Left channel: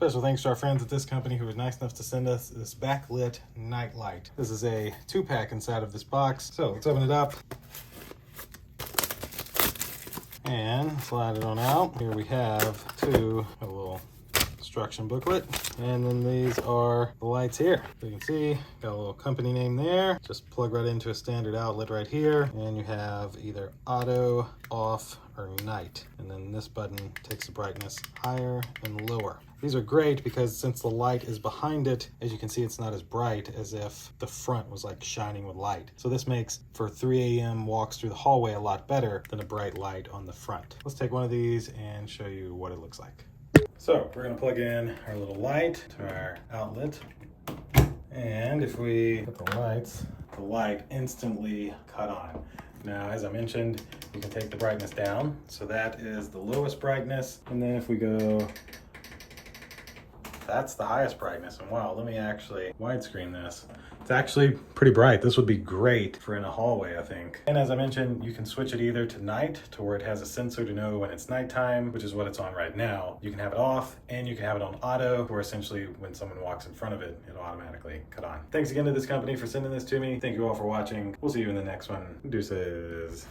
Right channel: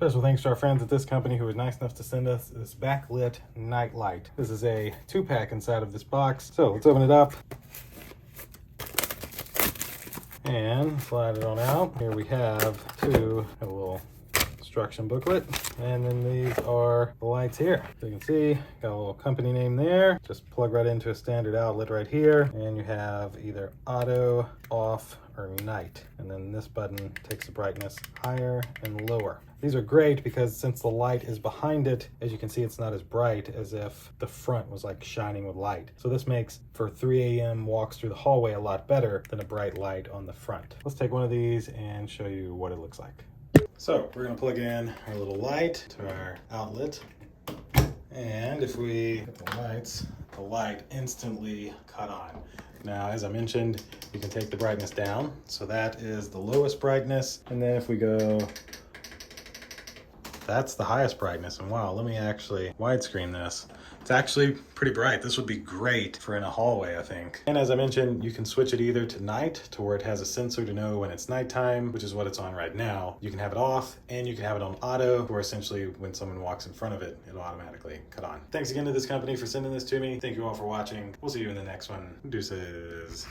Special thanks to our friends at this company who was nice enough to send us this Backlit night light. This is a 2-pack inside of this box. So let's open it up and slide it on out. Here we have a little instruction booklet, and then these are the lights here. So you can see, got a little company name there. Just plug right into a standard outlet right here, and you have either auto, off, or night. And then this button takes the brightness higher and lower. These are great because since the light is behind it, as you can see, it's not as bright as if the front was like shining with light. So this makes for 3 a.m. walks through the hallway a lot better than a bright light on the front. Let's take one of these and show you what it looks like. So we're gonna plug in our little light to our outlet. And if we put the light instantly cut on. Now, as I mentioned, you can take the brightness down. So that is the lowest brightness. And then if we go, that's the highest brightness. And wow, let me actually widescreen this. It's actually pretty bright. This would be great for in a hallway, I think. And as I mentioned, you can switch it either to night, to where it has a sensor to know when it's nighttime, which is what it's on right now. You can have it off, and you can have it on auto, where essentially when someone walks in front of it, it'll automatically cut on. Thanks again to this company for sending this to me. Thank you all for watching. We'll see you in the next one. Deuces.